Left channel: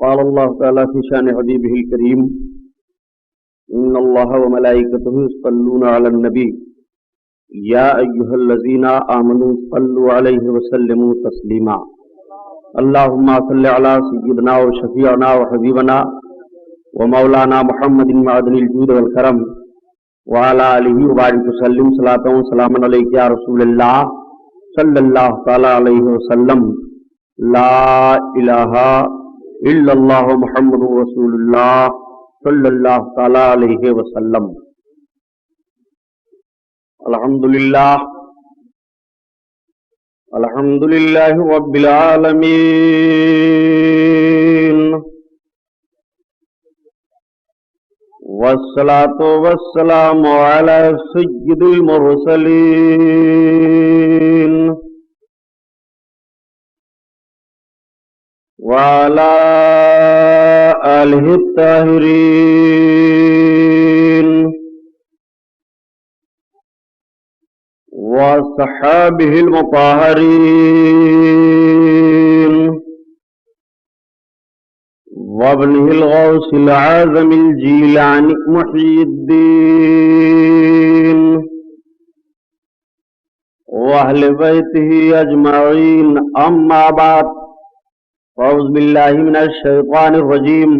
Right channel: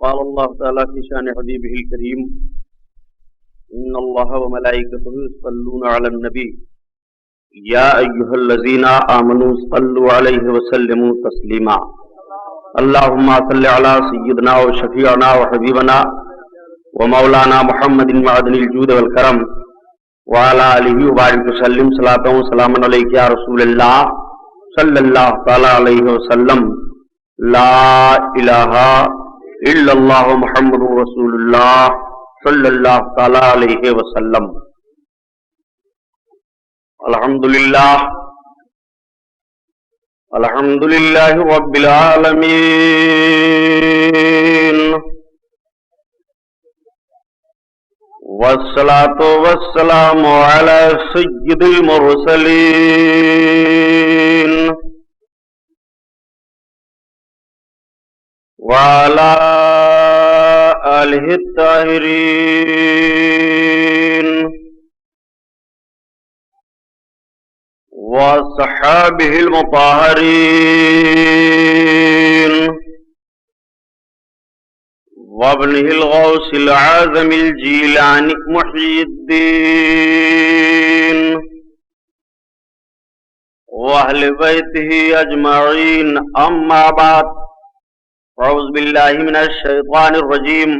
قال الله تعالى في شان حبيبه الكريم إن الله وملائكته يصلون على النبي يا أيها الذين آمنوا صلوا عليه وسلموا تسليما اللهم صل على سيدنا وشفيعنا وحبيبنا ومولانا محمد معدن الجود والكرم وعلى آله وبارك وسلم صلاة وسلام عليك يا رسول الله صلى الله تعالى عليه وسلم لا إله إلا الله محمد رسول الله صلى الله تعالى عليه وسلم. الحمد لله رب العالمين والصلاة والسلام على سيد المرسلين وعلى آله الطاهرين وصحابه المطهرين وابنه الغوث العازم الجيلاني محي الدين وأهل بيته أجمعين أما بعد أعوذ بالله من الشيطان الرجيم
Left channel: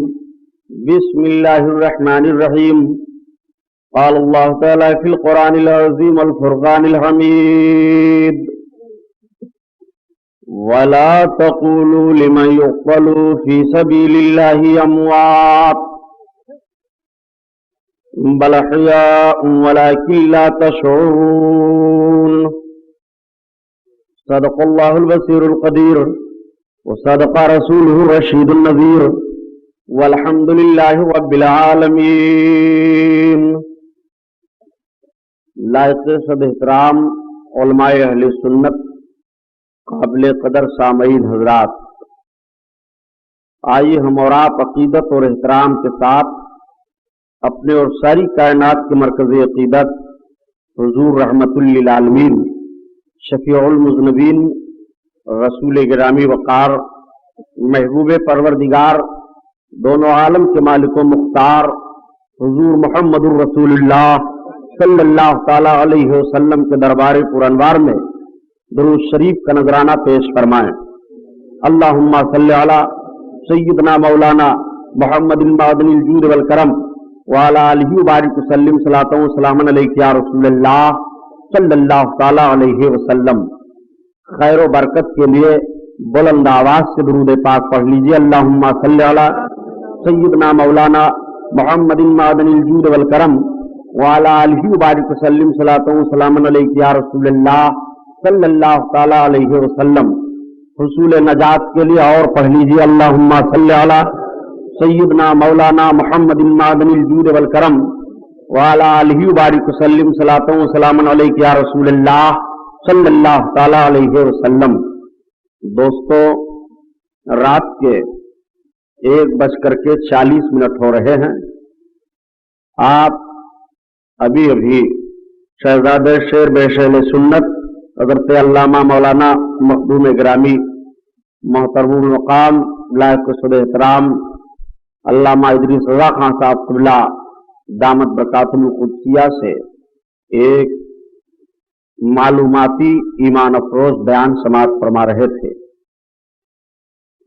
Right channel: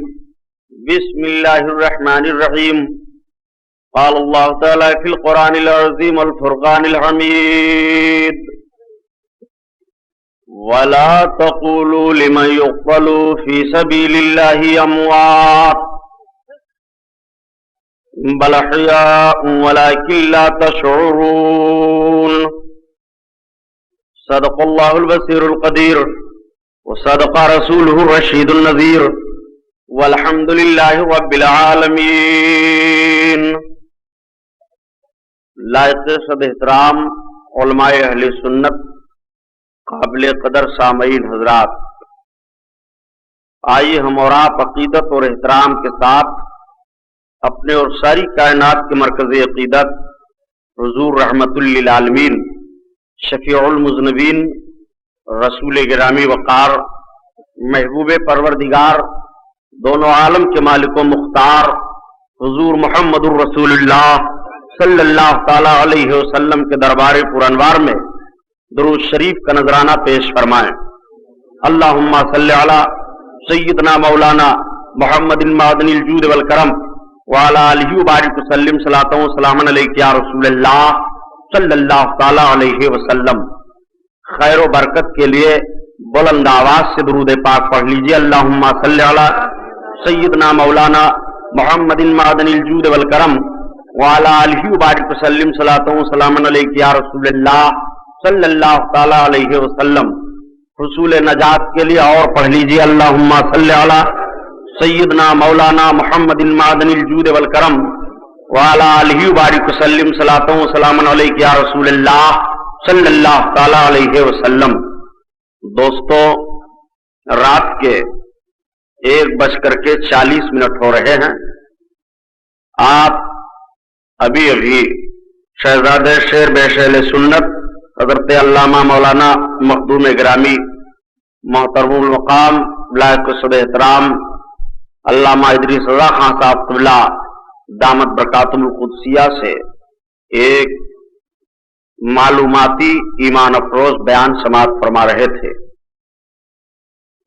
بسم الله الرحمن الرحيم قال الله تعالى في القرآن العظيم والفرقان الحميد ولا تقولوا لمن يقتل في سبيل الله أموات بل أحياء ولكن لا تشعرون صدق الله البصير القدير وصدق رسوله الرشيد النذير والحمد لله رب العالمين. لائق صد احترام علماء اہل سنت، قابل قدر سامعین حضرات، آئیے ہم اور آپ عقیدت اور احترام کے ساتھ اپنے اور ساری کائنات کے مرکز عقیدت حضور رحمت للعالمین شفیع المذنبین رسول گرامی وقار محبوب پروردگار دونوں عالم کے مالک و مختار حضور محمد الرسول اللہ صلی اللہ تعالی علیہ وسلم کے دربار پرانوار میں درود شریف کا نذرانہ پیش فرمائیں. اللہم صلی علی سیدنا مولانا محمد معدن الجود والکرم وعلی آلہ وبارک وسلم صلاۃ و سلام علیک یا رسول اللہ صلی اللہ تعالی علیہ وسلم. خیر و برکت کے لیے بلند آواز سے درود پاک پڑھ لیجئے. اللہم صلی علی سیدنا مولانا محمد معدن الجود والکرم وعلی آلہ وبارک وسلم صلاۃ و سلام علیک یا رسول اللہ صلی اللہ تعالی علیہ وسلم. حصول نجات کے لیے اور پڑھ لیجئے. اللہم صلی علی سیدنا مولانا محمد معدن الجود والکرم وعلی آلہ وبارک وسلم صلاۃ و سلام علیک یا رسول اللہ صلی اللہ تعالی علیہ وسلم. دوستو، رات کے 1:40 ہو رہے ہیں. آپ ابھی شہزادہ شیر بیشیل سنت حضرت علامہ مولانا مخدوم گرامی محترم المقام لائق صد احترام علامہ ادریس رضا خان صاحب قبلہ دامت برکاتہم القدسیہ سے ایک معلوماتی ایمان افروز بیان سماعت فرما رہے تھے.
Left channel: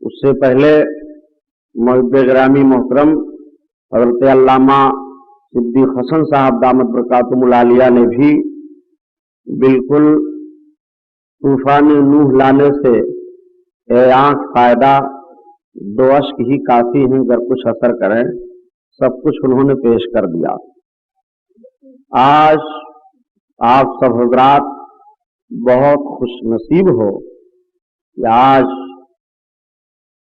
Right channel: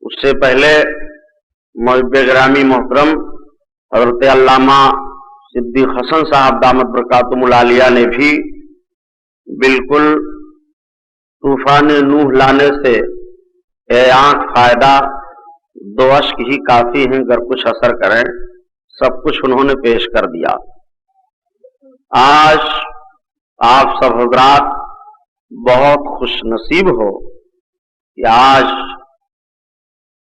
اس سے پہلے محب گرامی محترم حضرت علامہ صدیق حسن صاحب دامت برکاتہم العالیہ نے بھی بالکل طوفان نوح لانے سے اے آنکھ فائدہ 2 اشک ہی کافی ہیں گر کچھ اثر کریں، سب کچھ انہوں نے پیش کر دیا. آج آپ سب حضرات بہت خوش نصیب ہو کہ آج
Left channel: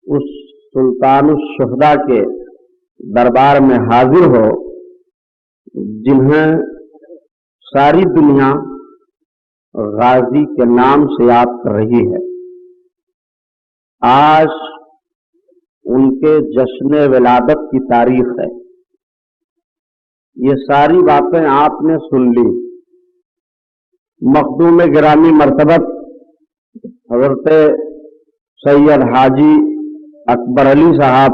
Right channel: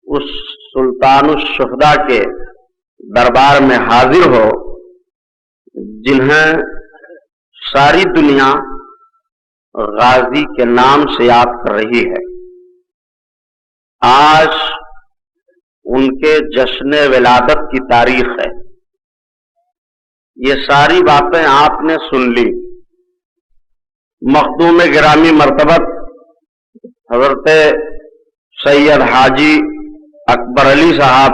اس سلطان الشہداء کے دربار میں حاضر ہو جنہیں ساری دنیا غازی کے نام سے یاد کر رہی ہے. آج ان کے جشن ولادت کی تاریخ ہے. یہ ساری باتیں آپ نے سن لی. مخدوم گرامی مرتبت حضرت سید حاجی اکبر علی صاحب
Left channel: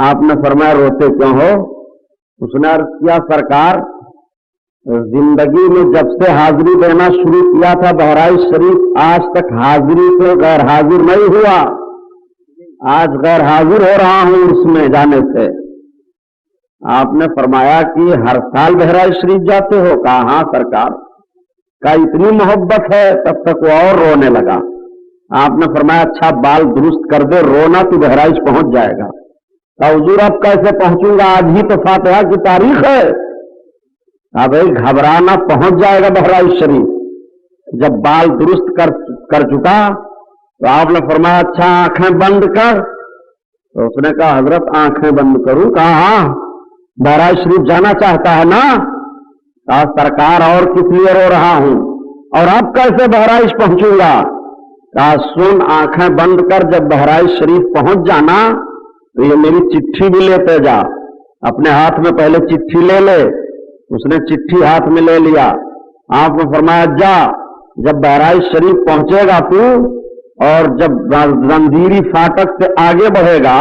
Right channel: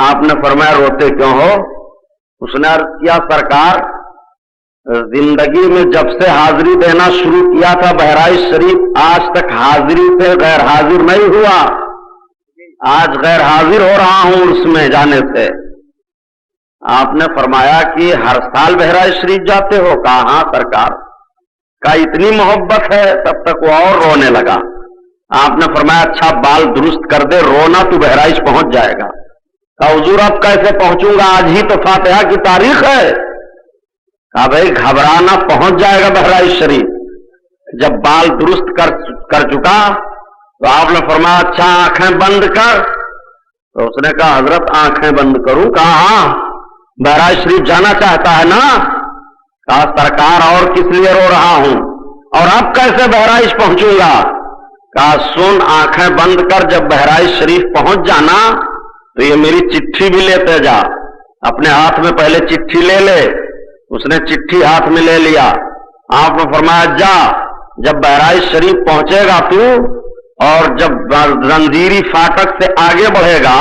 آپ نے فرمایا روتے کیوں ہو؟ اس نے عرض کیا سرکار زندگی میں جب سے حاضری دینا شروع کیا تھا بہرائچ شریف آج تک حاضری سے غیر حاضر نہیں ہوا، آج غیر حاضر ہو رہا ہوں اس میں جانے سے۔ آپ نے فرمایا کہ ہر سال بہرائچ شریف جاتے ہو؟ کہا ہاں سرکار۔ کہا اتنی محبت ہے؟ تب تک وہ اور رونے لگا۔ آپ نے فرمایا اچھا بال درست کر دے، رونا تو بہرائچ پہنچ جائے گا۔ کہا حضور اب کیسے پہنچوں گا؟ آج ہی تو فاتحہ کی تاریخ ہے۔ کہا بھائی گھبرانا، پہنچ جائے گا بہرائچ شریف۔ جب بال درست کر چکا تو آپ نے فرمایا اچھا آنکھیں بند کر۔ تو اس نے کہا حضرت آنکھیں بند کروں؟ کہا ہاں، بہرائچ شریف جانا چاہتا ہے نا؟ کہا سرکار اور کس لیے رو رہا ہوں، اور اب کیسے بہرائچ پہنچوں گا؟ کہا سن، آنکھیں بند کر، جب بہرائچ شریف پہنچ جانا تو یہ میری چٹھی بھی لیتے جا، اپنے ہاتھ میں پہلے چٹھی لے لے۔ اس نے چٹھی ہاتھ میں لے لیا۔ آپ نے فرمایا جا، جب بہرائچ شریف پہنچے گا تو، اور جب زنجیری فاٹک سے آگے بڑھے گا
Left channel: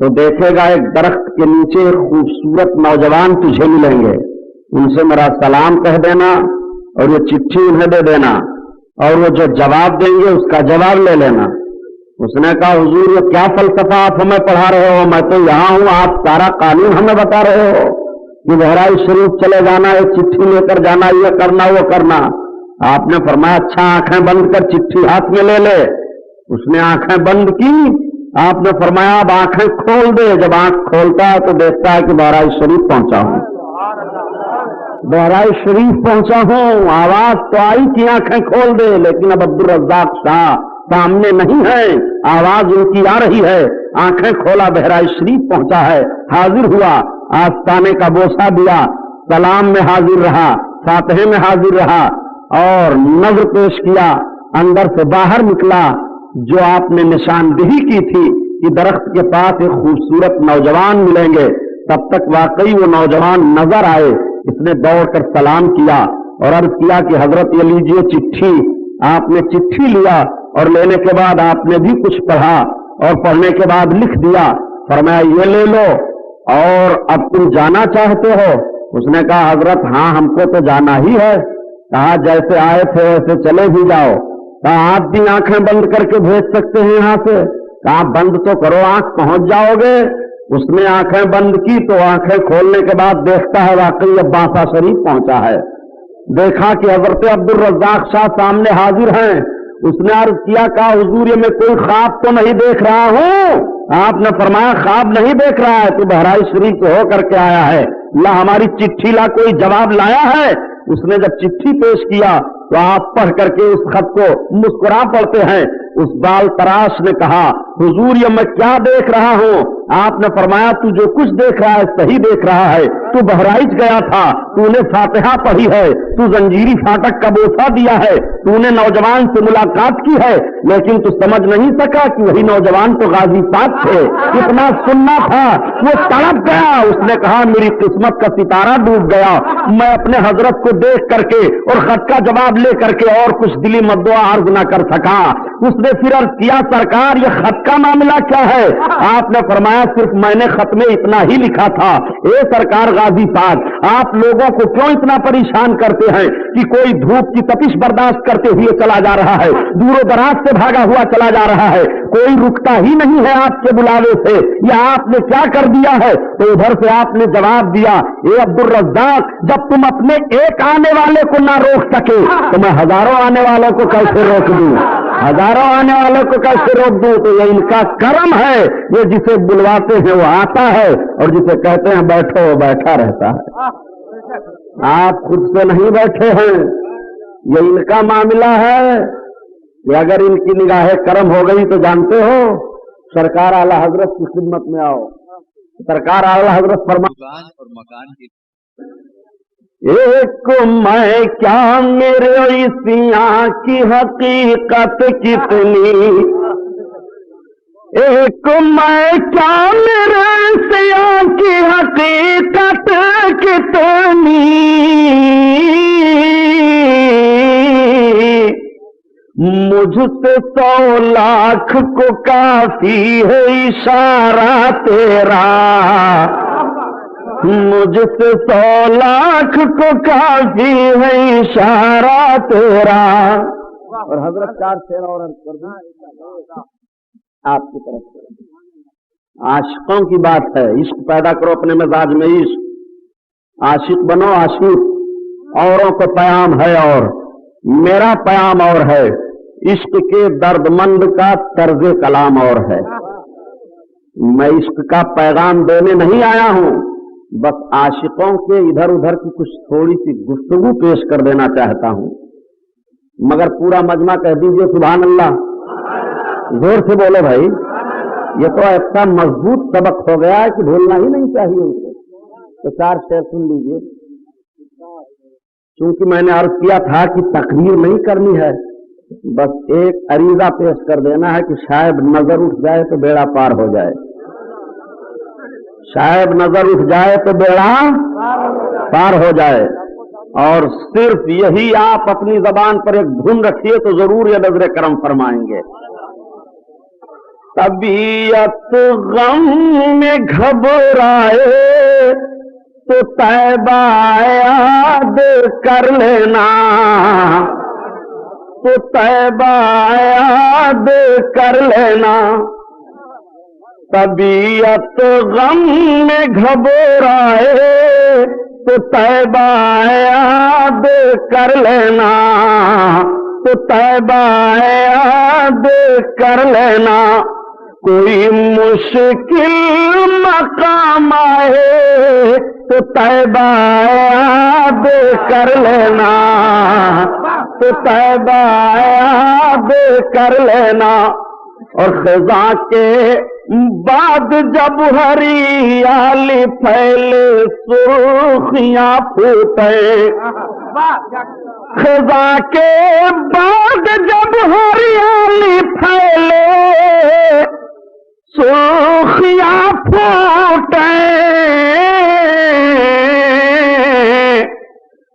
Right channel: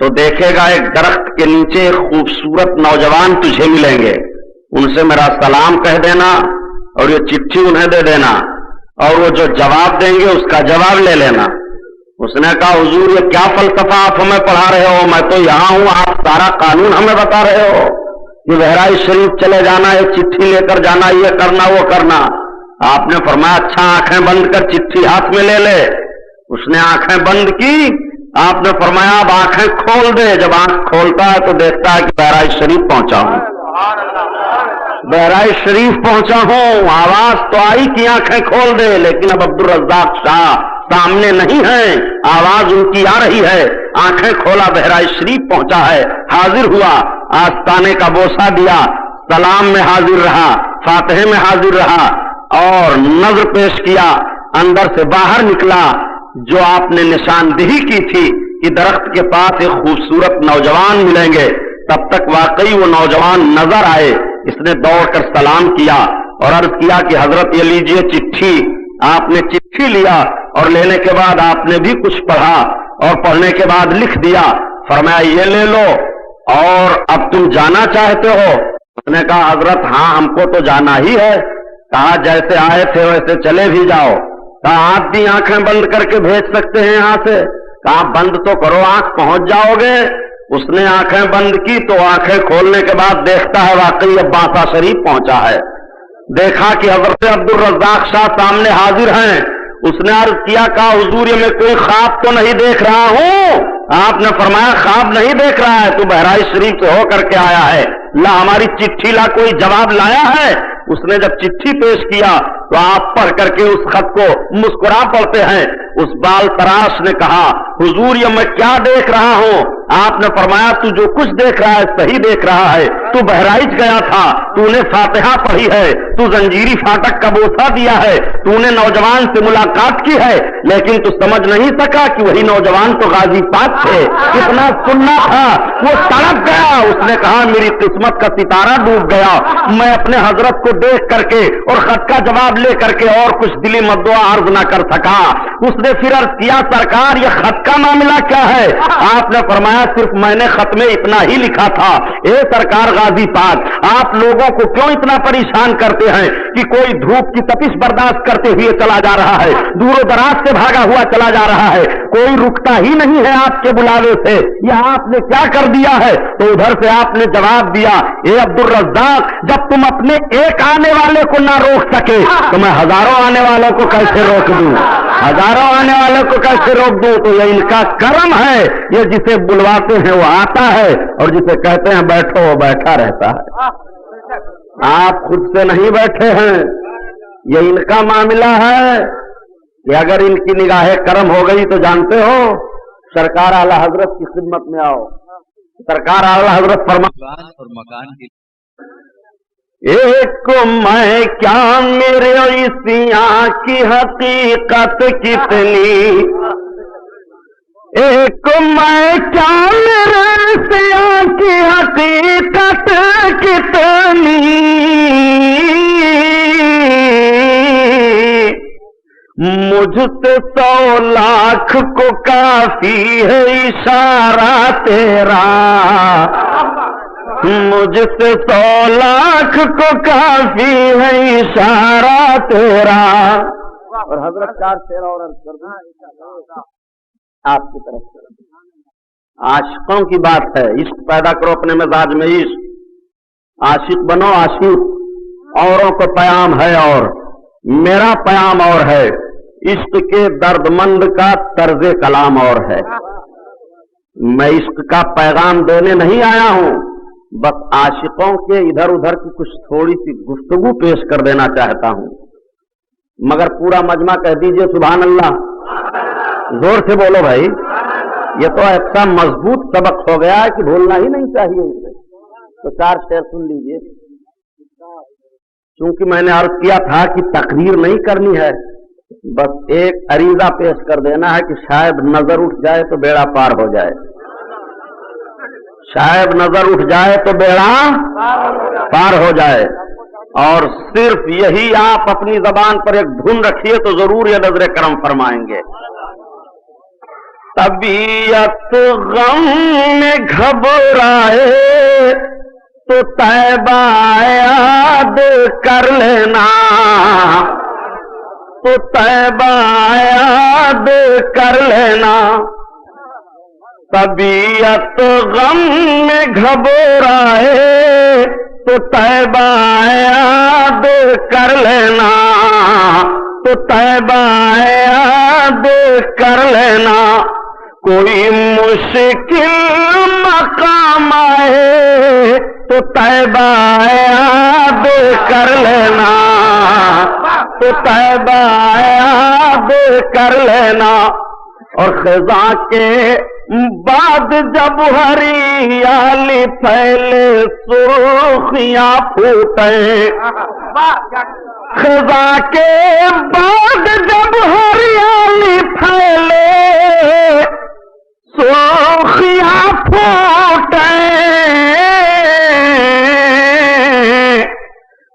تو دیکھے گا ایک درخت کے نیچے ایک خوبصورت نوجوان تجھے ملیں گے، ان سے میرا سلام کہہ دینا اور یہ چٹھی انہیں دے دینا، اور وہ جو جواب دیں گے اس کا جواب لے لینا۔ اس نے کہا حضور یہ کیا فلسفہ آپ ہمیں پڑھا رہے ہو؟ میں تو یہاں ہوں، آپ سارا قانون ہمیں بتا رہے ہو کہ بہرائچ شریف چلے جانا، ایک چٹھی لے کر جانا، یہ کرنا وہ کرنا۔ آپ نے فرمایا اچھا آنکھیں بند کر، چٹھی ہاتھ میں لے لے۔ اس نے آنکھیں بند کی۔ آپ نے فرمایا اب آنکھیں کھول دے۔ جب آنکھ کھولتا ہے تو دیکھتا ہے کہ بہرائچ شریف پہنچا ہوں، بہرائچ شریف پہنچا ہوں۔ آواز تو آئی کہ آنکھیں کھول دے، لیکن اب عبدالرزاق شاہ سامنے نہیں ہے، آواز ان کی آ رہی ہے۔ آنکھیں کھولا، بہرائچ شریف پہنچا ہے، حاضر ہوا، آستانے کا بوسہ دیا، سلام میں حاضر رہا، فاتحے میں حاضر رہا، اور نظر پیش کیا۔ اندر سے باہر نکلا، جو آپ نے نشاندہی کی تھی کہ درخت کے پاس ایک خوبصورت نوجوان ملیں گے، تب تک واقعی وہ نوجوان نظر آئے۔ اس نے دوڑ کر سلام کیا اور عرض کیا کہ حضرت یہ لیجئے چٹھی۔ آپ نے چٹھی لیا اور لینے کے بعد آپ نے بھی کچھ پڑھا، اور پڑھنے کے بعد لکھ دیا۔ فرمایا یہ لے لو، اور اب تم جانا چاہتے ہو؟ اس نے کہا حضرت ہاں ہم کو تو جانا ہی ہے۔ کہا جیسے آئے تھے ویسے چلے بھی جاؤ۔ کہا آپ بھی آنکھیں بند کر کے بھیج سکتے ہیں یہاں سے؟ کہا بند تو کرو، آنکھ پہنچ جاؤ گے۔ اس نے آنکھیں بند کی تو آنکھیں کھولنے کے بعد دیکھتا ہے واقعی اب باسا شریف پہنچا ہے۔ دیکھا کہ حضرت عبدالرزاق شاہ سامنے حاضر ہیں۔ اس نے عرض کیا کہا حضور یہ میں کوئی خواب تو نہیں دیکھ رہا ہوں؟ آپ نے فرمایا خواب نہیں دیکھ رہا ہے، تو بہرائچ شریف سے ہو کر کے آیا ہے، لا ہماری چٹھی لا، کوئی جواب لایا ہے؟ اس نے جب چٹھی پیش کیا تو آپ پڑھ کر کے اس خط کو مسکرا پڑتے ہیں۔ اس بال تراش نے کہا حضور یہ میں کیا دیکھ رہا ہوں؟ آپ نے فرمایا تو جو کچھ دیکھ رہا ہے صحیح دیکھ رہا ہے، تو بہرائچ گیا تھا، تو نے فاتحہ پڑھی ہے، تو زنجیری فاٹک کا بوسہ دیا ہے، تو نے نوجوان سے ملاقات کی ہے، لیکن تو سمجھ نہیں سکا کہ وہی نوجوان تو غازی پاک تھے۔ اتنا سننا تھا، وہ تڑپ گیا۔ اس نے کہا میری قسمت کا ستارہ ڈوب گیا، میں اپنے حضرت کو دیکھ کر کے اور خط کا جواب لے کر کے اور کچھ دلی مدعا عرض نہ کر سکا۔ اس نے پھر عرض کیا سرکار یہ خط کا معاملہ کیا ہے؟ آپ نے فرمایا صرف میں نے خط میں اتنا ہی لکھا تھا، اے سرکار غازی پاک آپ لوگوں کو کیوں اتنا پریشان کرتے ہیں کہ کوئی دھوپ کی تپش برداشت کرتے ہوئے چلا جا رہا ہے، دور و دراز سے بھاگا ہوا چلا جا رہا ہے، کوئی رکتا ہی نہیں ہے آپ کے بلاوے سے، یہ آپ نے کیا کر دیا ہے؟ تو ادھر سے آپ نے جواب دیا اے عبدالرزاق جب تم اپنے ایک آنے والے کو نہ روک سکے تو میں ہزاروں آنے والوں کو کیسے روک دوں؟ ہزاروں آنے والوں کو کیسے روک دوں؟ تو یہ ان کا کرم ہے، یہ جسے بلواتے ہیں وہ آتا ہے، اور جسے کہتے ہیں بیٹھو وہ بیٹھا رہتا ہے۔ آپ خود سے نہیں بیٹھے ہیں، یہ ان کا معاملہ ہے کہ اگر ان کی نگاہ کرم ہو گئی تو جانتے ہو سرکار اعلی حضرت کی خدمت میں آؤ۔ سرکار اعلی حضرت فرمان اور مکان کی ایک میں کیا میرے عیسیاں کی حقیقت کتنی، ایک میں کیا میرے عیسیاں کی حقیقت کتنی، مجھ سے 100 لاکھ کو کافی ہے اشارہ تیرا، مجھ سے 100 لاکھ کو کافی ہے اشارہ تیرا۔ اور حضرت 4 شعر اور عرض کر دوں آپ کی طرف سے۔ عاشقوں کی بات ہے، عشق پیدا کرو اپنے مزاج میں، عشق، عاشق بنو عاشق۔ اوروں کو پیام ہے اور میرا پیام اور ہے، عشق کے درد مند کا طرز کلام اور ہے۔ میں عشق کا پیغام دینے نہیں آیا ہوں، بس عاشقوں کے ادھر ادھر کی کچھ تھوڑی سی گفتگو پیش کر دینا چاہتا ہوں، مگر پورا مجمع کہہ دیجئے سبحان اللہ، زور سے بولو بھائی، یہ تو ایسا مضبوط سبق ہو گیا کہ بھولنا ہی نہیں چاہیے اسے۔ تو 4 شعر سن لیجئے، چونکہ میں نے عرض کیا تھا کہ تقریر نہیں کرنی ہے، بس ایک عریضہ پیش کر دینا ہے کہ شاید نظر اٹھ جائے تو بیڑا پار ہو جائے، شاید نظر اٹھ جائے تو بیڑا پار ہو جائے۔ اور صرف یہی آپ اپنی زبان پر ایک دھن رکھیے تو ضرور یہ نظر کرم فرمائیں گے۔ طبیعت غم میں گھبرائے تو طیبہ یاد کر لینا، تو طیبہ یاد کر لینا۔ طبیعت غم میں گھبرائے تو طیبہ یاد کر لینا، تو طیبہ یاد کر لینا۔ کوئی مشکل مقام آئے تو طیبہ یاد کر لینا، تو طیبہ یاد کر لینا۔ اور خزاں کے بعد جب ہریالی پھیلے سرخیاں پھوٹے، خزاں کے بعد جب ہریالی پھیلے سرخیاں پھوٹے،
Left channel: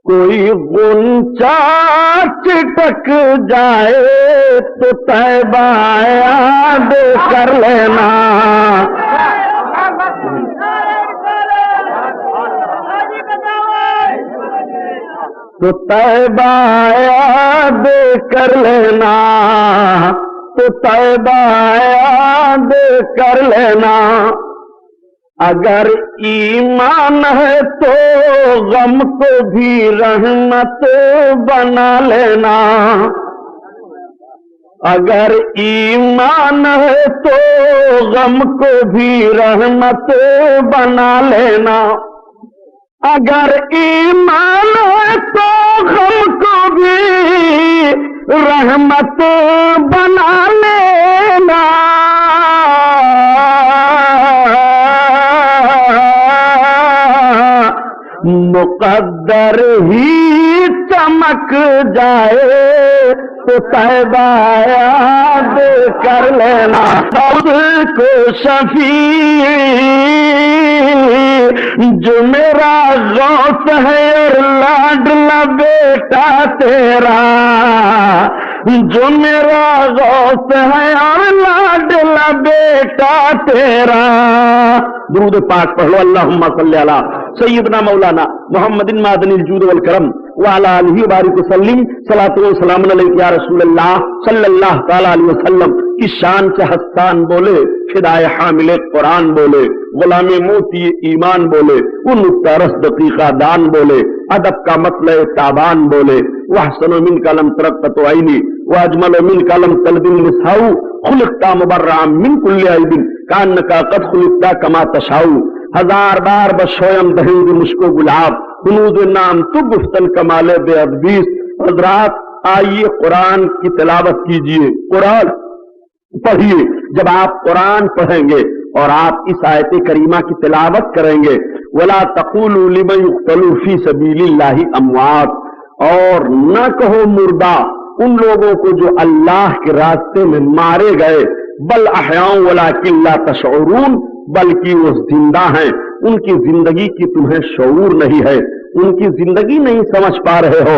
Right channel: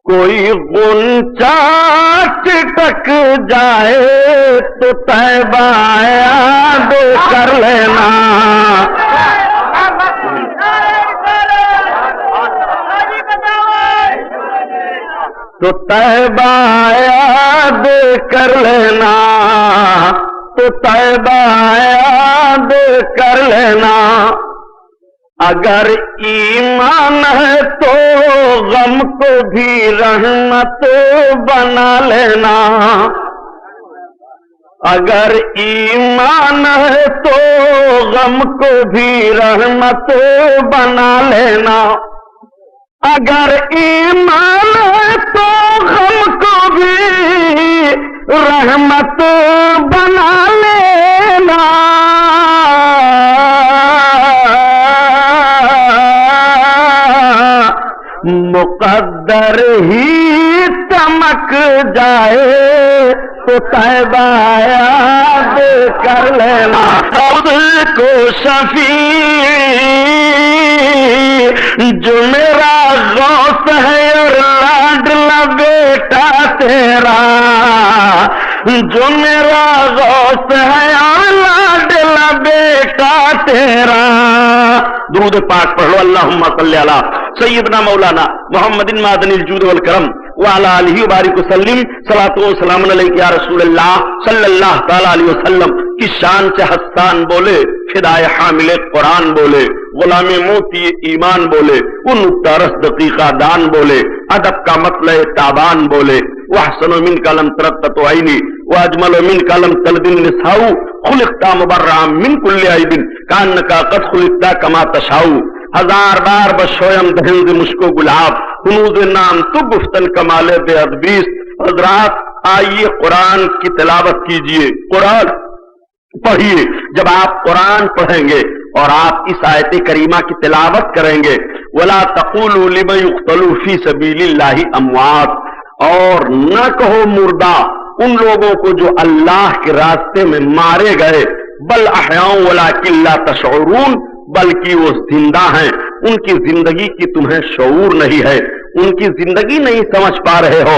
کوئی غنچہ چٹک جائے تو طیبہ یاد کر لینا۔ تو طیبہ یاد کر لینا، تو طیبہ یاد کر لینا۔ اگر ایمان ہے تو غم کو بھی رحمت بنا لینا، اگر ایمان ہے تو غم کو بھی رحمت بنا لینا، اگر ایمان ہے تو غم کو بھی رحمت بنا لینا۔ مقدر ہی چمک جائے تو طیبہ یاد کر لینا۔ اب کو شفیع جو میرا غوث ہے اور لاڈلا بیٹا تیرا، جو میرا غوث ہے اور لاڈلا بیٹا تیرا۔ درود پاک پڑھو، اللہم صلی علی سیدنا مولانا محمد معدن الجود والکرم وعلی آلہ وبارک وسلم۔ صلاۃ و سلام علیک یا رسول اللہ صلی اللہ تعالی علیہ وسلم کی شان سے حسان بولے، فدائے حامل قرآن بولے، غلام موتی ایمان بولے، ان ترس دقیقہ دان بولے، ادب کا مطلع تابان بولے، واحسن منک لم ترقت عینی واجمل منک لم تلد النساء خلقت مبرعا من کل عیب کانک قد خلقت کما تشاء۔ ہزار بار بشویم دہند مشکو گلاب ہنوز نام تو گفتن کمال بے ادبیس۔ حضرات آئیے قرآن کی تلاوت کیجئے، قرآن پڑھیے۔ جب آپ قرآن پڑھیں گے اور آپ اس آیت کریمہ کی تلاوت کریں گے، وَلَا تَقُولُوا لِمَنْ يُقْتَلُ فِي سَبِيلِ اللَّهِ أَمْوَاتٌ، اور نہ کہو مردہ ان لوگوں کو جو اللہ کے راستے میں مارے گئے، بل احیاء ولکن لا تشعرون، بلکہ وہ زندہ ہیں، ان کی زندگی کی تمہیں شعور نہیں ہے، ان کی زندگی نہیں سمجھ پا رہے ہو،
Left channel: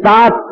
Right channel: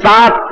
7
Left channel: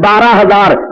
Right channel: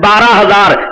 12,000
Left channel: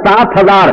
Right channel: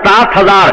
7,000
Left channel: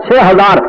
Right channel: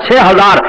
6,000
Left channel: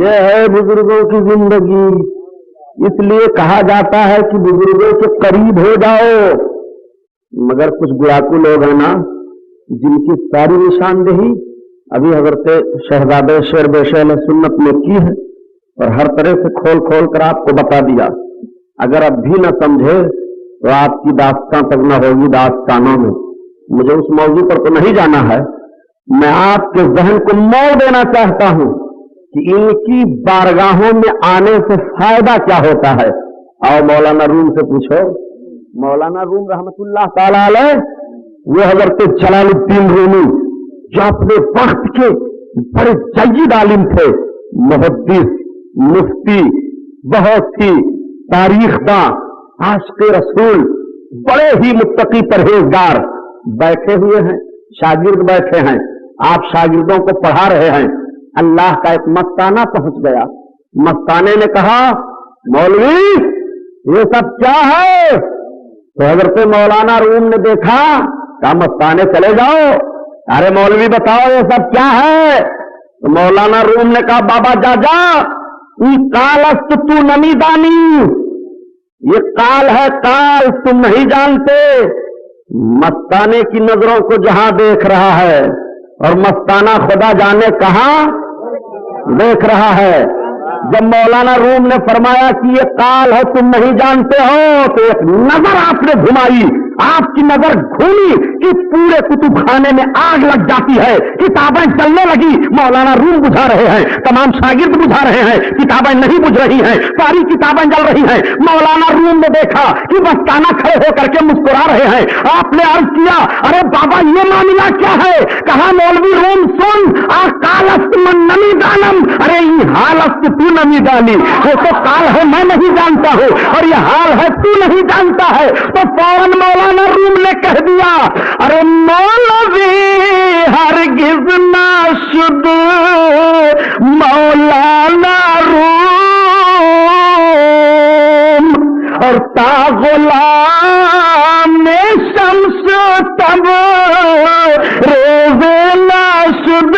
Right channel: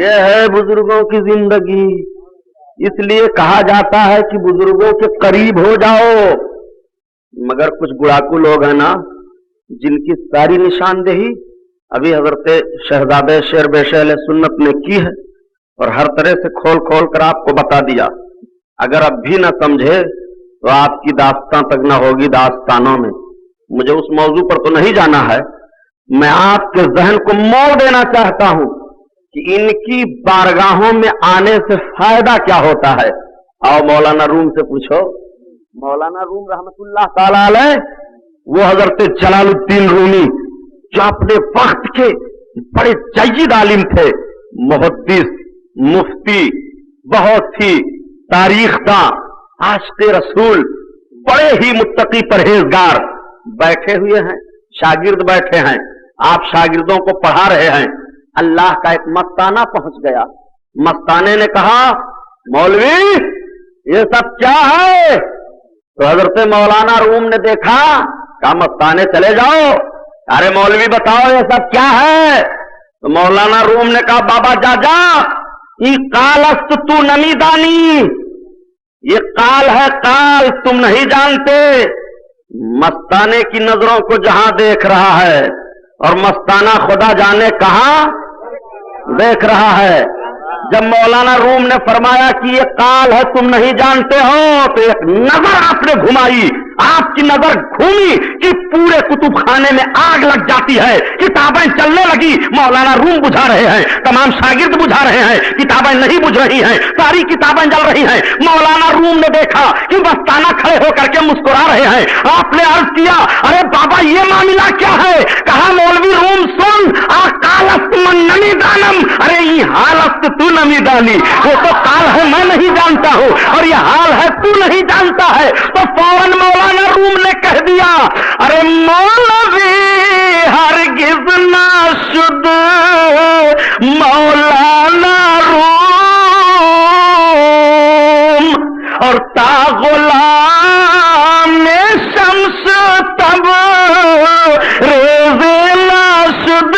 یہ ہے بزرگوں کی زندگی. اس لیے کہا جاتا ہے کہ بزرگوں کے قریب ہو جاؤ. مگر کچھ گڑاکو لوگ ہیں نا جن کی ساری نشاندہی ابھی حضرت شہزادہ شیر بشیر علیہ سنت نے کی ہے اور ہر طرح سے کھول کھول کر آپ کو بتا دیا. اگر اب بھی نہ سمجھے تو آپ کی داستان تک نہ ہوگی داستانوں میں. مجھے اس موضوع پر تو نہیں جانا ہے. میں آپ کے ذہن کو موڑ دینا چاہتا ہوں کہ ان کی بارگاہوں میں آنے سے فائدہ کیا ہوتا ہے. آؤ مولانا روم سے پوچھو. مولانا روم رحمت اللہ تعالی علیہ وہ حضرت جلال الدین رومی جو اپنے وقت کے بڑے جید عالم تھے, محدث, مفتی, بہت ہی تاریخ داں, عاشق رسول, بڑے ہی متقی پرہیزگار بیٹھے ہوئے ہیں. شاگرد بیٹھے ہیں, آپ شاگردوں کو پڑھا رہے ہیں. اللہ کا ایک مستانہ پہنچ گیا. مستانے نے کہا مولوی یہ سب کیا ہے؟ تو حضرت مولانا روم نے دیکھا, کہا مستانے چلے جاؤ. ارے مولوی بتاؤ یہ سب کیا ہے؟ تو مولانا روم نے کہا بابا جا جا, یہ کالست تو نمی دانی, یہ کال ہے کال, تم نہیں جانتے. مستانے کی نظروں کو جہاں دیکھ رہا ہے اور مستانہ خدا جانے کہاں دیکھ رہا ہے. جب مولانا روم نے فرمایا کہ یہ کال ہے تم نہیں جانتے ہو, تو ایک نظر آپ نے گھمائی. آپ کی نظر گھومی کہ پورے کتب خانے میں آگ لگ جاتی ہے, کتابیں جلنے لگی. مولانا روم بجھا رہے ہیں, تمام شاگرد بجھا رہے ہیں, کتابیں نہیں بجھ رہی ہیں, ساری کتابیں جل رہی ہیں. مولانا روم نے دیکھا کہ مستانہ کھڑے ہو کر کے مسکرا رہے ہیں. آپ نے عرض کیا ارے بابا یہ معاملہ کیا ہے؟ کہا مولوی روم سن, کالست من نمی دانم, ارے یہ حالست تو نمی دانی. وہ تو کال ہے میں نہیں جانتا ہوں اور یہ حال ہے تو نہیں جانتا ہے. تو فوراً مولانا روم نے کہہ دیا ارے مولوی ہرگز نہ شد مولانا روم اور تا غلام شمس تب ریز نہ شد.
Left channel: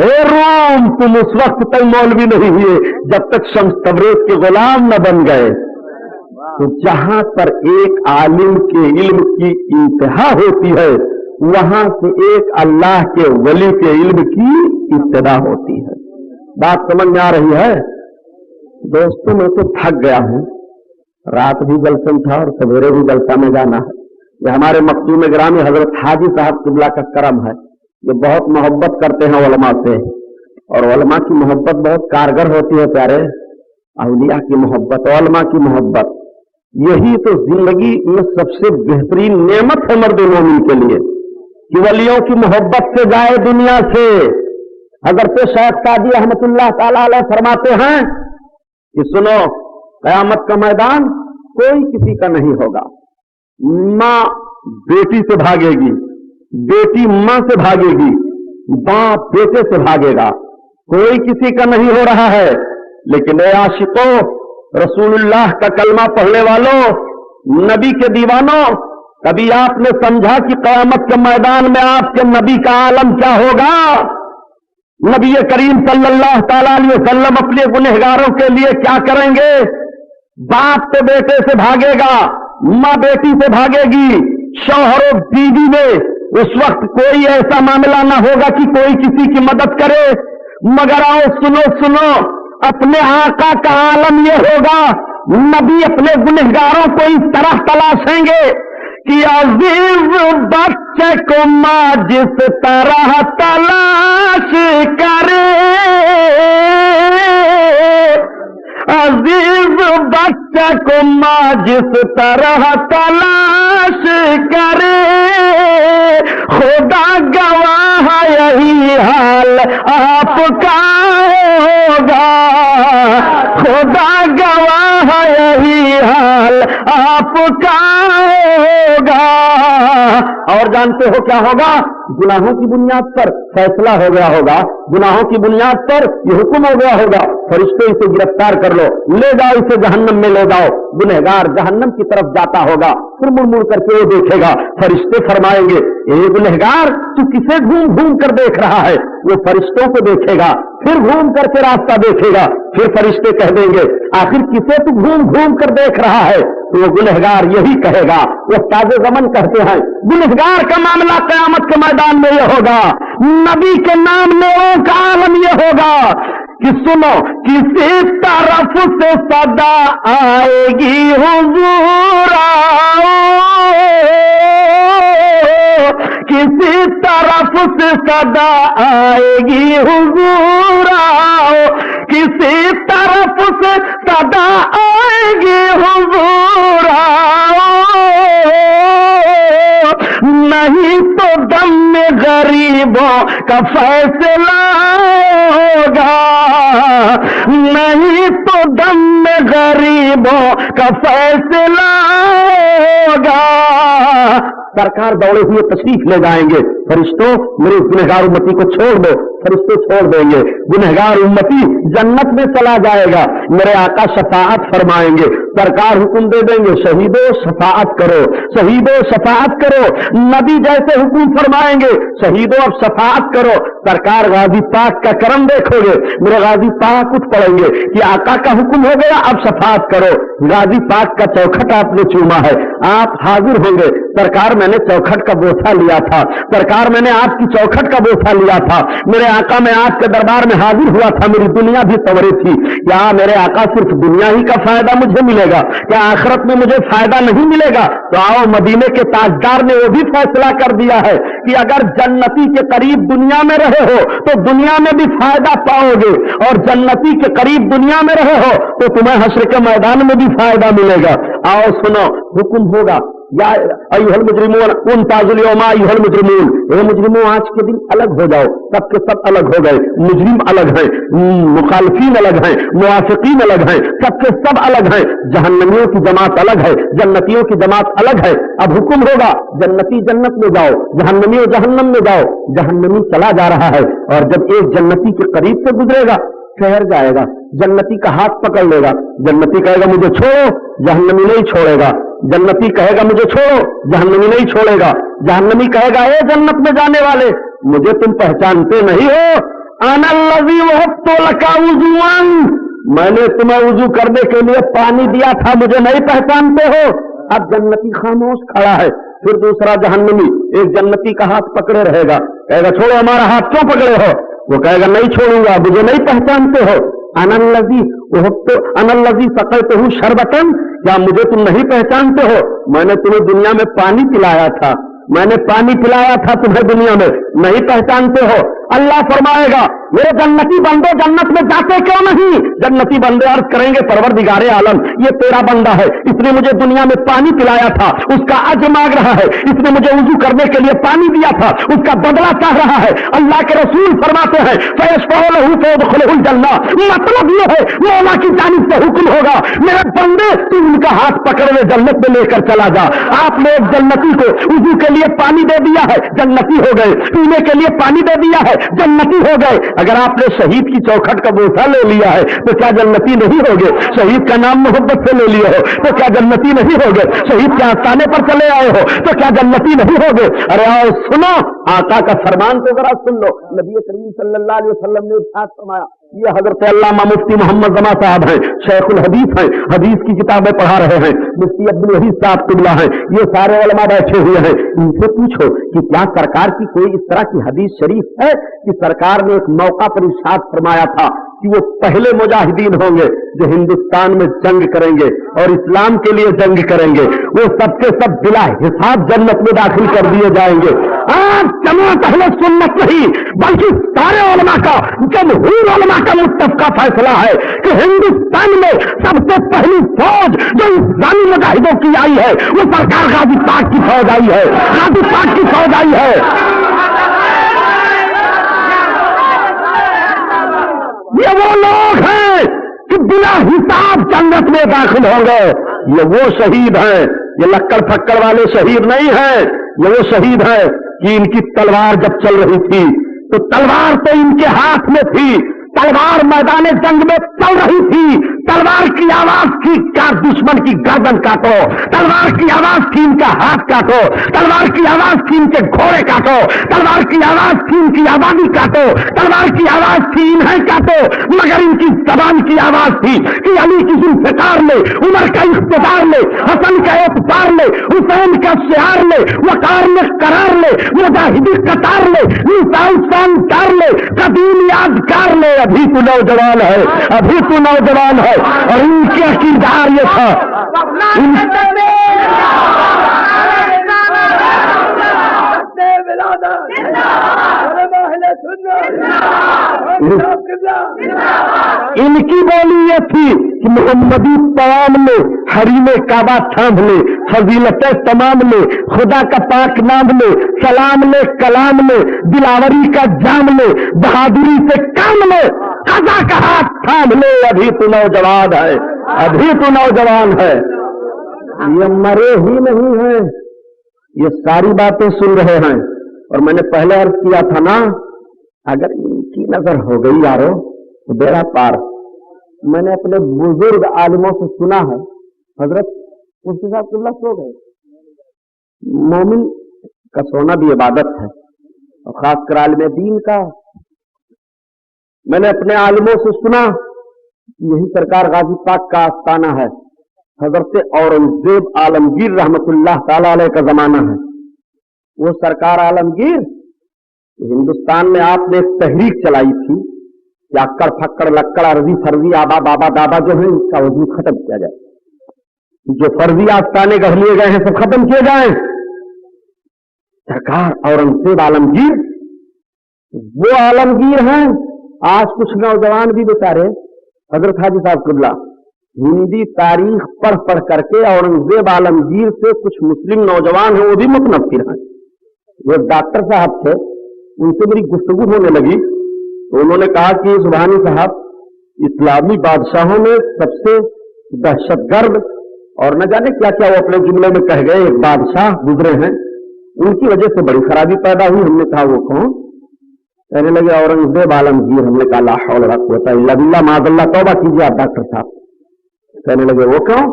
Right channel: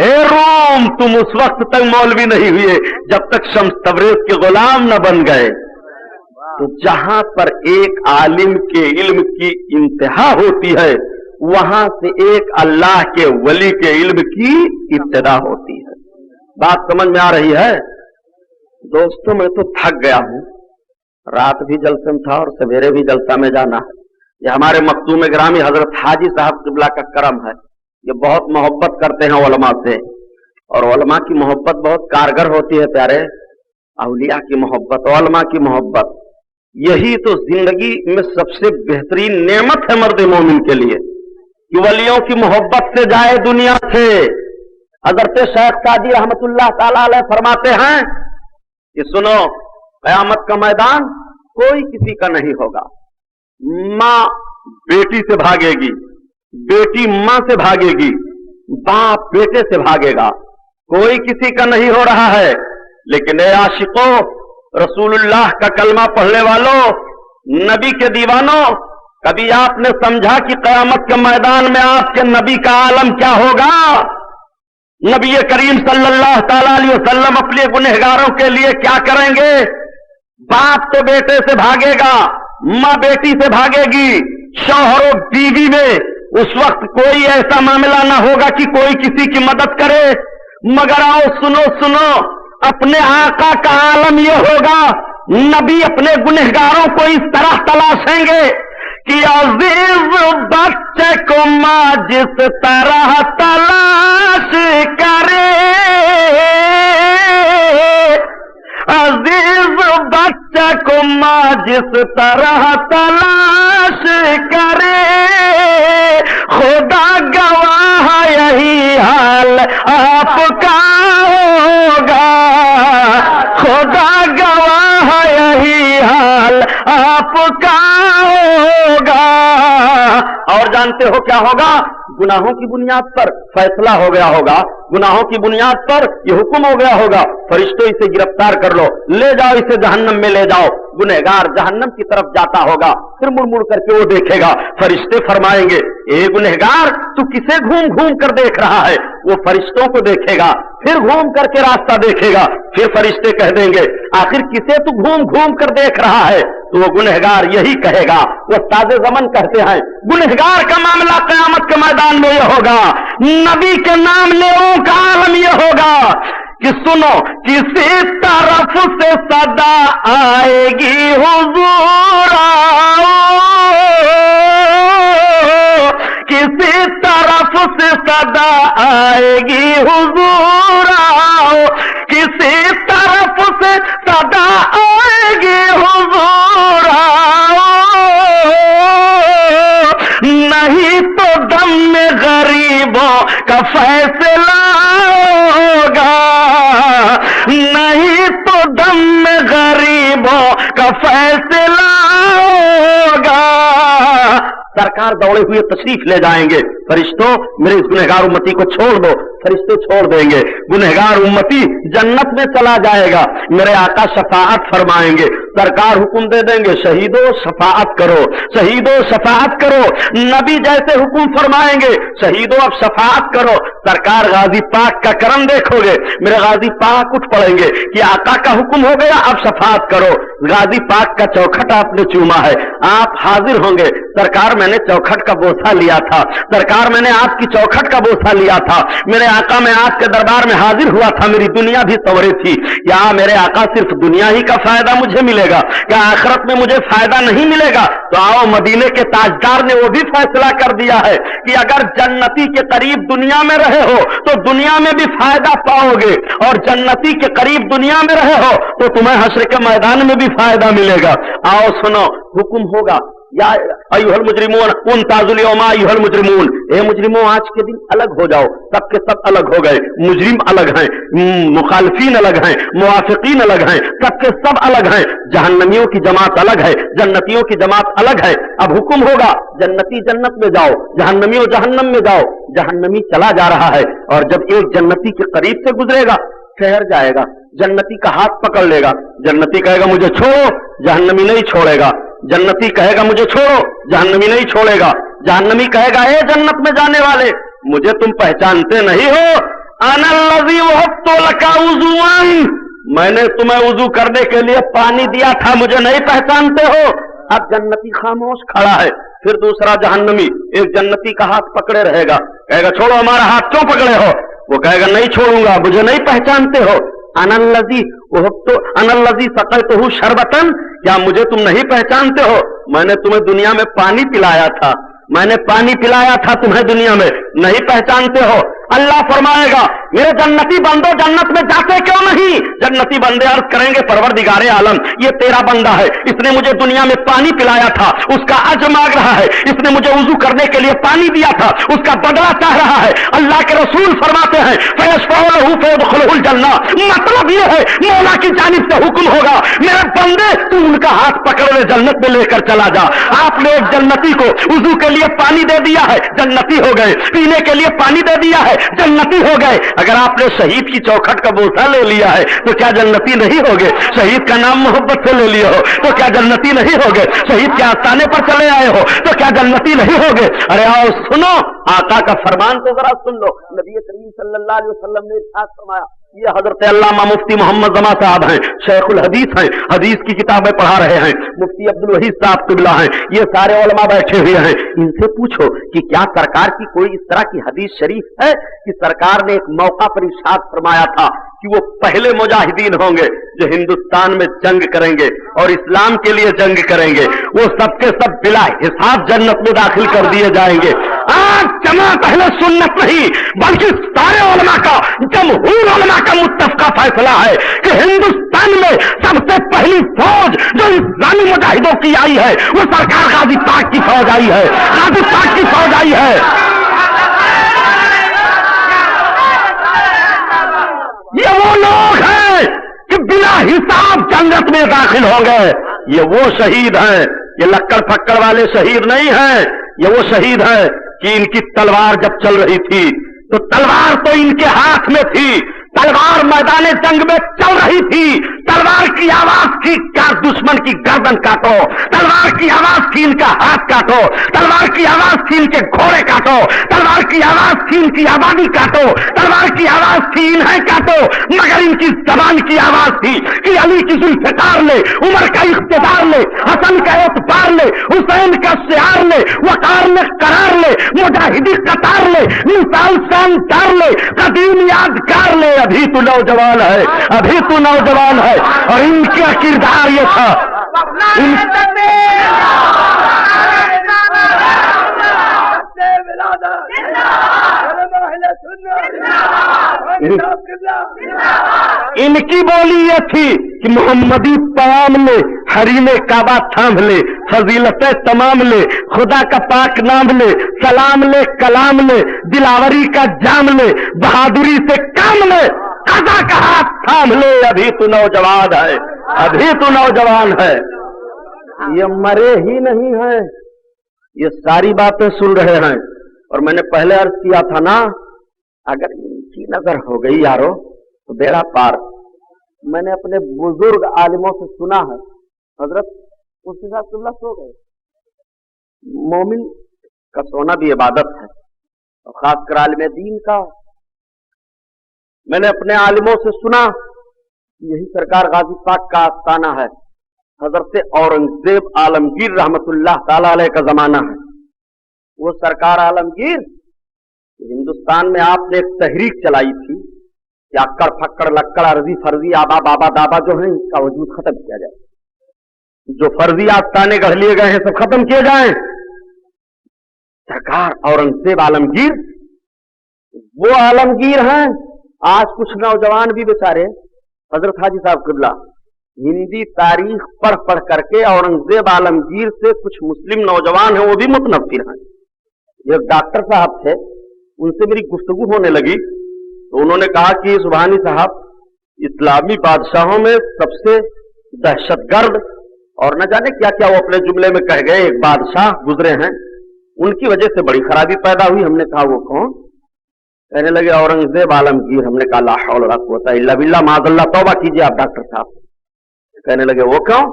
اے روم تم اس وقت تک مولوی نہیں ہوئے جب تک شمس تبریز کے غلام نہ بن گئے. تو جہاں پر ایک عالم کے علم کی انتہا ہوتی ہے وہاں سے ایک اللہ کے ولی کے علم کی ابتدا ہوتی ہے. بات سمجھ میں آ رہی ہے دوستوں؟ میں تو تھک گیا ہوں. رات بھی جلسہ تھا اور سویرے بھی جلسہ میں جانا ہے. یہ ہمارے مخدوم گرامی حضرت حاجی صاحب قبلہ کا کرم ہے. یہ بہت محبت کرتے ہیں علماء سے, اور علماء کی محبت بہت کارگر ہوتی ہے پیارے. اولیاء کی محبت, علماء کی محبت, یہی تو زندگی میں سب سے بہترین نعمت ہے مرد مومن کے لیے کہ ولیوں کی محبت سے جائے دنیا سے. حضرت شیخ سعدی رحمت اللہ تعالی علیہ فرماتے ہیں کہ سنو, قیامت کا میدان کوئی کسی کا نہیں ہوگا. ماں بیٹی سے بھاگے گی, بیٹی ماں سے بھاگے گی, باپ بیٹے سے بھاگے گا. کوئی کسی کا نہیں ہو رہا ہے. لیکن اے عاشقوں, رسول اللہ کا کلمہ پڑھنے والوں, نبی کے دیوانوں, کبھی آپ نے سمجھا کہ قیامت کے میدان میں آپ کے نبی کا عالم کیا ہوگا؟ نبی کریم صلی اللہ تعالی علیہ وسلم اپنے گنہگاروں کے لیے کیا کریں گے؟ باپ تو بیٹے سے بھاگے گا, ماں بیٹی سے بھاگے گی, شوہر و بیوی میں اس وقت کوئی ایسا معاملہ نہ ہوگا کہ کوئی کسی کی مدد کرے. مگر آؤ سنو, اپنے آقا کا عالم یہ ہوگا, نبی اپنے گنہگاروں کو اس طرح تلاشیں گے کہ عزیز بچے کو ماں جس طرح تلاش کرے, عزیز بچے کو ماں جس طرح تلاش کرے, خدا گواہ یہی حال آپ کا ہوگا, خدا گواہ یہی حال آپ کا ہوگا. اور جانتے ہو کیا ہوگا؟ گناہوں کی بنیاد پر فیصلہ ہو گیا ہوگا، گناہوں کی بنیاد پر یہ حکم ہو گیا ہوگا، فرشتوں اسے گرفتار کر لو، لے جاؤ اسے جہنم میں لے جاؤ۔ گنہگار جہنم کی طرف جاتا ہوگا، پھر مڑ مڑ کر کے وہ دیکھے گا، فرشتے فرمائیں گے اے گنہگار تو کسے گھوم گھوم کر دیکھ رہا ہے؟ وہ فرشتوں کو دیکھے گا، پھر گھوم کر کے راستہ دیکھے گا، پھر فرشتے کہہ دیں گے آخر کسے تو گھوم گھوم کر دیکھ رہا ہے؟ تو وہ گنہگار یہی کہے گا، وہ استاد زمن کہتے ہیں گنہگار کا معاملہ قیامت کے میدان میں یہ ہوگا، نبی کے نام لیوں کا عالم یہ ہوگا کہ سنو کسی طرف سے صدا آئے گی حضور کسی طرف سے صدا آئے گی حضور کسی طرف سے صدا آئے گی حضور نہیں تو دم میں غریبوں کا فیصلہ ہوگا نہیں تو دم میں غریبوں کا فیصلہ ہوگا۔ سرکار دوڑے ہوئے تشریف لے جائیں گے، فرشتوں میرے اس گنہگار امتی کو چھوڑ دو، فرشتے چھوڑ دیں گے، گنہگار امتی جنت میں چلا جائے گا، میرے آقا شفاعت فرمائیں گے، سرکار حکم دے دیں گے شہیدوں شفاعت کرو، شہیدوں شفاعت کرو، نبی جیسے حکم فرمائیں گے شہیدوں اب شفاعت کرو، سرکار غازی پاک کا کرم دیکھو گے، میرے غازی پاک اٹھ پڑیں گے کہ آقا کا حکم ہو گیا اب شفاعت کرو، غازی پاک کا چوکھٹ آپ نے چوما ہے، آپ حاضر ہوں گے، سرکار میں نے چوکھٹ کا بوسہ لیا تھا، سرکار میں نے آپ کی چوکھٹ کا بوسہ لیا تھا، میرے آقا میں آپ کے دربار میں حاضر ہوا تھا، میری دنیا بھی سنورے تھی، کیا میرے آقا صرف دنیا ہی کا فائدہ مجھے ملے گا؟ کیا آخرت میں مجھے فائدہ نہیں ملے گا؟ تو آؤ مدینے کے تاجدار نے وہ بھی فیصلہ کر دیا ہے کہ اگر جنتی کے قریب دنیا میں رہے ہو تو دنیا میں بھی فائدہ پاؤ گے، اور جنتی کے قریب دنیا میں رہے ہو تو تمہیں حشر کے میدان میں بھی فائدہ ملے گا۔ آؤ سنو حکم ہوگا یا ایھا المجرمون امتازوا اليوم ایھا المجرمون، اے مجرموں آج کے دن الگ ہو جاؤ، سب کے سب الگ ہو گئے، مجرم الگ ہیں، مخالفین الگ ہیں، موافقین الگ ہیں، سب کے سب الگ ہیں، جہنمیوں کی جماعت الگ ہے، جنتیوں کی جماعت الگ ہے۔ اب حکم ہوگا جنتی جنت میں جاؤ، جہنمیوں جہنم میں جاؤ، جہنمی چلا جا رہا ہے، اور جب ایک جنتی کے قریب سے گزرے گا ٹھہر جائے گا، جنتی کا ہاتھ پکڑ لے گا، جنتی کہے گا مجھے چھوڑو، جہنمی نہیں چھوڑے گا، جنتی کہے گا مجھے چھوڑو، جہنمی نہیں چھوڑے گا، جہنمی کہے گا اے جنت میں جانے والے مجھے تم پہچانتے نہیں ہو، انا الذی وهبت لک وضوءا، میں نے تمہیں وضو کرنے کے لیے پانی دیا تھا، مجھے نہیں پہچانتے ہو۔ اب جنتی خاموش کھڑا ہے، پھر دوسرا جہنمی ایک جنتی کا ہاتھ پکڑے رہے گا، کہے گا چھوڑو ہمارا ہاتھ کیوں پکڑے ہو؟ وہ کہے گا نہیں چھوڑوں گا، مجھے نہیں پہچانتے ہو۔ انا الذی سقیتہ شربۃ، کیا مجھے تم نہیں پہچانتے ہو؟ میں نے تمہیں دنیا میں پانی پلایا تھا، میں نے پانی پلایا تھا تمہیں دنیا میں، نہیں پہچانتے ہو؟ اللہ فرمائے گا میرے جنتی بندوں جنت میں جاتے کیوں نہیں؟ جنتی بندے عرض کریں گے پروردگار عالم یہ تیرا بندہ ہے، اس نے مجھے دنیا میں پانی پلایا تھا، اس کا اجر مانگ رہا ہے، اس نے مجھے وضو کرنے کے لیے پانی دیا تھا، اس کا بدلہ چاہ رہا ہے۔ اللہ کے رسول فرماتے ہیں فیشفع لہ فیدخلہ الجنہ، مطلب یہ ہے مولا کی جانب سے حکم ہوگا میرے بندے تو ان کا ہاتھ پکڑنے جنت میں لے کر چلا جا۔ آپ نے ایک جنتی کو وضو کے لیے پانی دے دیا ہے، جنتی ہو گئے، پینے کے لیے پانی دے دیا ہے، جنتی ہو گئے۔ اگر آپ نے شہید کی چوکھٹ کا بوسہ لے لیا ہے تو کیا جنتی نہیں ہوگے؟ شہید کا نام محبت سے لے لیا ہو تو کیا جنتی نہیں ہوگے؟ شہید کے آستانے پر چلے آئے ہو تو کیا جنتی نہیں ہوگے؟ ارے آؤ سنو آقا کا فرمان تو ذرا سن لو۔ نبی کریم صلی اللہ علیہ وسلم نے ارشاد فرمایا، یہ حضرت علامہ مفتی محمد زما صاحب ہیں، شیخ الحدیث ہیں، حدیث کی کتابیں پڑھا رہے ہیں، مفتی عبد الوحید صاحب قبلہ ہیں، یہ سارے علماء بیٹھے ہوئے ہیں، ان سے پوچھو کہ کیا سرکار کی کوئی اس طرح کی حدیث شریف ہے کہ سرکار نے ایک موقع پر ارشاد فرمایا تھا کہ وہ پہلے مجاہدین ہوں گے جو ہندوستان میں جنگ کریں گے اور اسلام کے لیے جنگ کریں گے، وہ سب کے سب بلا حساب جنت میں داخل کر دیے جائیں گے۔ آج جماعت اہل سنت نہیں بلکہ سارے علماء کا، جمہور علماء کا متفقہ فیصلہ ہے کہ ہندوستان میں سب سے پہلی فوج جو اسلامی مجاہدوں کی آئی ہے وہ سرکار غازی پاک کی فوج آئی ہے، غازی پاک کی فوج آئی ہے۔ یہ وہ لوگ ہیں کہ بنا حساب جنت میں داخل ہوں گے، یہ وہ شہید ہیں، یہ لکڑ پھکڑ والے شہید نہیں ہیں، یہ وہ شہید ہیں کہ ان کی تلوار جب چل رہی تھی تو تلوار تو ان کے ہاتھ میں تھی، تلوار میدان جنگ میں چل رہی تھی، تلوار کی آواز تھی کیا دشمن کی گردن کاٹو، تلوار کی آواز تھی ان کا ہاتھ کاٹو، تلوار کی آواز تھی ان کے گھوڑے کاٹو، تلوار کی آواز تھی ان کی آبادی کاٹو، تلوار کی آواز تھی انہیں کاٹو، مگر ان کی زبان کی آواز تھی کہ علی کی ذوالفقار لے، عمر کا اقتدار لے، حسن کا اعتبار لے، حسین کا شعار لے، وقار میں قرار لے، مجاہدی قطار لے، مثال شاندار لے، قدیم یادگار لے، ابھی تو نوجوان ہے، ابھی تو نوجوان ہے۔ اور ان کا کردار یہ تھا، ان کی بولی یہ تھی کہ محمدی پیام لے، حریم کعبہ تھام لے، فضیلتیں تمام لے، خدا کا پاک نام لے، سلام لے، کلام لے، دلاوری کا جام لے، بہادری سے کام لے، قضا کا ہاتھ تھام لے، ابھی تو نوجوان ہے، ابھی تو نوجوان ہے۔ یہ مرے ہی نہیں ہیں، یہ ساری باتیں سن رہے ہیں۔ اور میں نے پہلے عرض کیا تھا نا، اگر ان کی نظر ہو گئی یارو تو بیڑا پار۔ میں نے اپنے بزرگ عالموں سے سنا ہے، حضرت اس کے ساتھ اللہ سو گئے۔ مومن کا سونا بھی عبادت ہے، اور خاص کر عالم دین کا۔ میں نے اپنے عالموں سے سنا، یہی سرکار غازی پاک کا آستانہ ہے، حضرت اورنگزیب عالمگیر رحمت اللہ تعالی علیہ کا زمانہ ہے۔ وہ سرکار عالمگیر، ہندوستان میں آپ نے ایک تحریک چلائی تھی کہ اکڑ پھکڑ لکڑ عرضی فرضی آبا بابا دابا جو ہے اس کا وجود ختم کیا جائے، جو فرضی آستانے گڑھ لیے گئے ہیں سب ختم کیے جائیں۔ سرکار اورنگزیب عالمگیر وہ عالمگیر ہیں۔ آج کچھ نوجوان بھی بیچارے، حضرت حاجی صاحب قبلہ، ہندی تاریخ پڑھ پڑھ کر کے اورنگزیب عالمگیر سے کچھ مسلم نوجوان ہیں وہ بھی متنفر ہیں۔ یہ ڈاکٹر صاحب تھے، ان سے میری گفتگو ہونے لگی تو انہوں نے کہا کہ سبحانی صاحب، اسلامی بادشاہوں میں سب سے دہشت گرد اور نہ جانے کیا کیا وہ اپنے جملے میں کہہ گئے، ایک بادشاہ گزرے ہیں، ان کی وجہ سے بڑی خرابی پیدا ہوئی۔ ہم نے کہا وہ کون؟ کہنے لگے اورنگزیب عالمگیر۔ ہم نے کہا لا حول ولا قوت الا باللہ، معاذ اللہ، توبہ کیجیے آپ ڈاکٹر صاحب۔ کہنے لگے وہ کون؟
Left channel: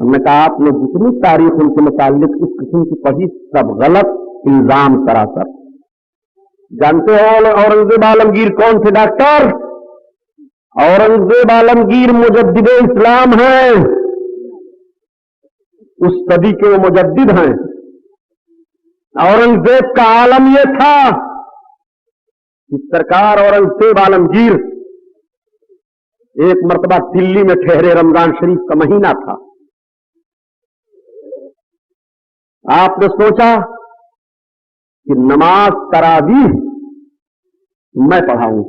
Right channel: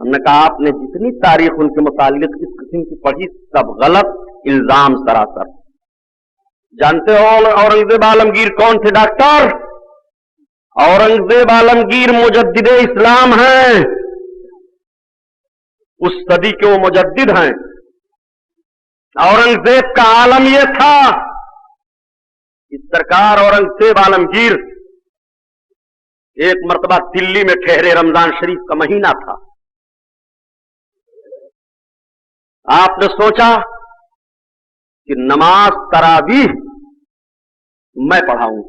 ہم نے کہا آپ نے جتنی تاریخ ان کے متعلق اس قسم کی پڑھی سب غلط، الزام سراسر۔ جانتے ہو اورنگزیب عالمگیر کون تھے ڈاکٹر؟ اورنگزیب عالمگیر مجدد اسلام ہیں، اس صدی کے وہ مجدد ہیں۔ اورنگزیب کا عالم یہ تھا کہ سرکار اورنگزیب عالمگیر ایک مرتبہ دلی میں ٹھہرے، رمضان شریف کا مہینہ تھا۔ آپ نے سوچا کہ نماز تراویح میں پڑھاؤں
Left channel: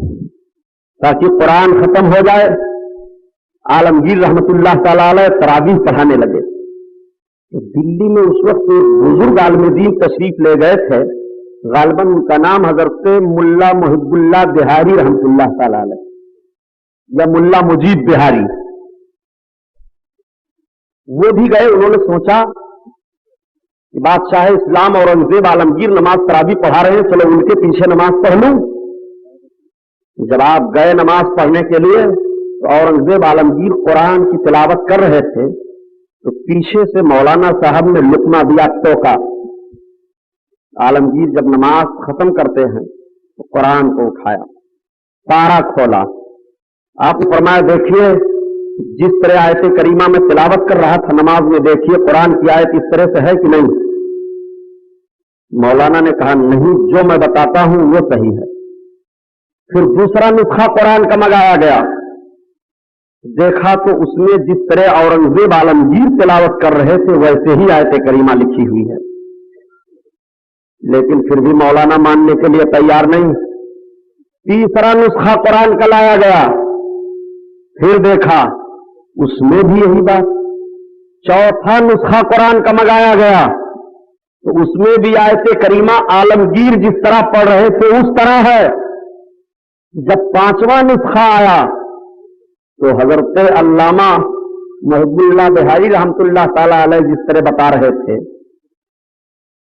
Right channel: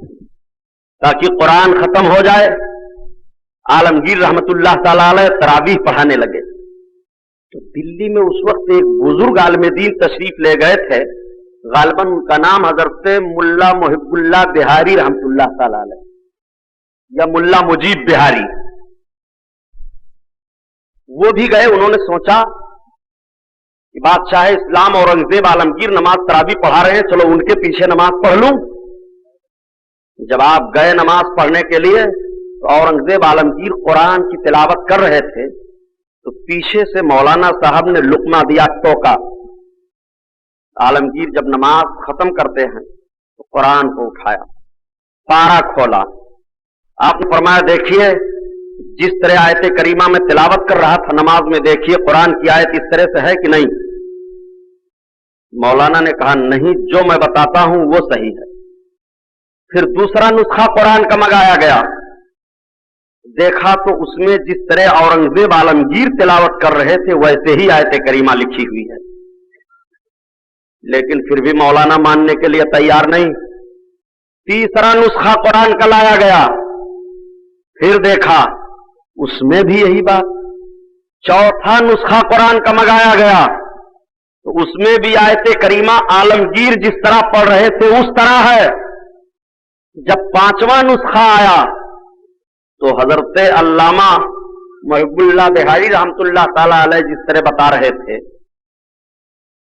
تاکہ قرآن ختم ہو جائے۔ عالمگیر رحمت اللہ تعالی علیہ تراویح پڑھانے لگے تو دلی میں اس وقت ایک بزرگ عالم دین تشریف لے گئے تھے، غالباً ان کا نام حضرت ملا محب اللہ بہاری رحمت اللہ تعالی علیہ یا ملا مجیب بہاری۔ وہ بھی گئے، انہوں نے سوچا کہ بادشاہ اسلام اورنگزیب عالمگیر نماز تراویح پڑھا رہے ہیں، چلو ان کے پیچھے نماز پڑھ لوں۔ جب آپ گئے نماز پڑھنے کے لیے تو اورنگزیب عالمگیر قرآن کی تلاوت کر رہے تھے تو پیچھے سے مولانا صاحب نے لقمہ دیا، ٹوکا۔ عالمگیر جب نماز ختم کرتے ہیں تو قرآن کو اٹھایا، پارا کھولا، آپ نے فرمایا دیکھیے جس طرح آیت کریمہ میں تلاوت کر رہا تھا نماز میں، دیکھیے قرآن کی آیت اس طرح سے ہے کہ نہیں؟ مولانا نے کہا نہیں، جو میں بتاتا ہوں وہ صحیح ہے۔ پھر دوسرا نسخہ قرآن کا منگایا گیا، دیکھا تو اس میں جس طرح اورنگزیب عالمگیر تلاوت کر رہے تھے ویسے ہی آیت کریمہ لکھی ہوئی ہے، لیکن پھر بھی مولانا ماننے کے لیے تیار نہیں۔ تیسرا نسخہ قرآن کا لایا گیا، پھر دیکھا اس میں بھی یہی بات۔ چوتھا نسخہ قرآن کا منگایا گیا تو اس میں بھی آیت کریمہ عالمگیر جس طرح پڑھ رہے تھے اس طرح ہے۔ جب پانچواں نسخہ آیا تو حضرت علامہ محب اللہ بہاری رحمت اللہ تعالی علیہ جس طرح بتا رہے تھے